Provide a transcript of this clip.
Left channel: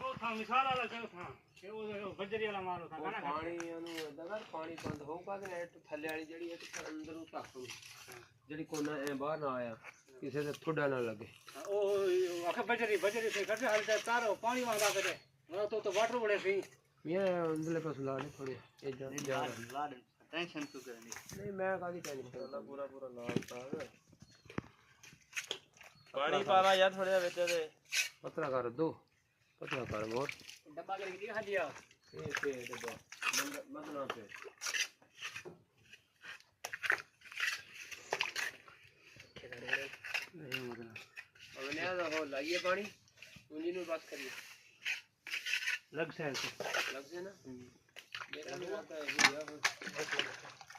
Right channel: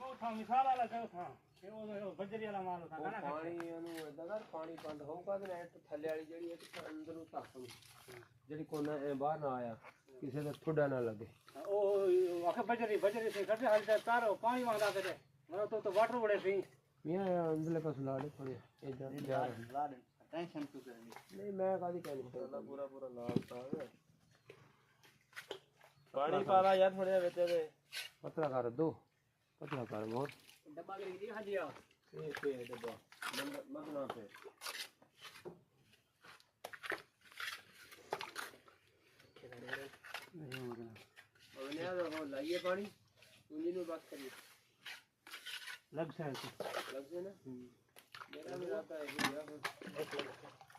ਉਹ ਥਾਂ ਮਿਸਾਲ ਵਾਲਾ ਕਿਉਂ ਥਾਂ ਉਹ ਬੱਜਰੀ ਵਾਲਾ ਮਾਲ ਉਥਾਂ ਉਹ ਪਾਣੀ ਇਹਨੂੰ ਏਦਾਂ ਕਰ ਪਾਣੀ ਬੰਦ ਹੋਊਗਾ ਤੇ ਇਹ ਥੱਲੇ ਵਾਲੀ ਜਿਹੜੀ ਹੈ ਅੰਦਰੋਂ ਢੱਕ ਜਿਹੜੀ ਕੋਨਾ ਐ ਬਾਹਰ ਨਾ ਆਇਆ ਕਿਸੇ ਦੇ ਥੋੜਾ ਨਾ ਲੱਗੇ ਉਹ ਆਖੇ ਬੱਜਰੀ ਤੇ ਕੱਢ ਹਲ ਤੇ ਤਾਰੋ ਪਾਣੀ ਵਾਂਦਾ ਕਦੇ ਉਹ तो वाटर बड़े सी ये अंदरले पास ला दे थोड़े ए जा ला दे टेंशन क्यों करनी नहीं मैं कादी टेंशन करना पूरा लाल साग पानी पाला यार थोड़े बेचे दे पतला कर दो पतला कर और डब्बा करके खा दिया पे डब्बा मतना पे अगले हो लाइए पानी उंगली में बात करिए लग से लग से ना मेरा नहीं आता है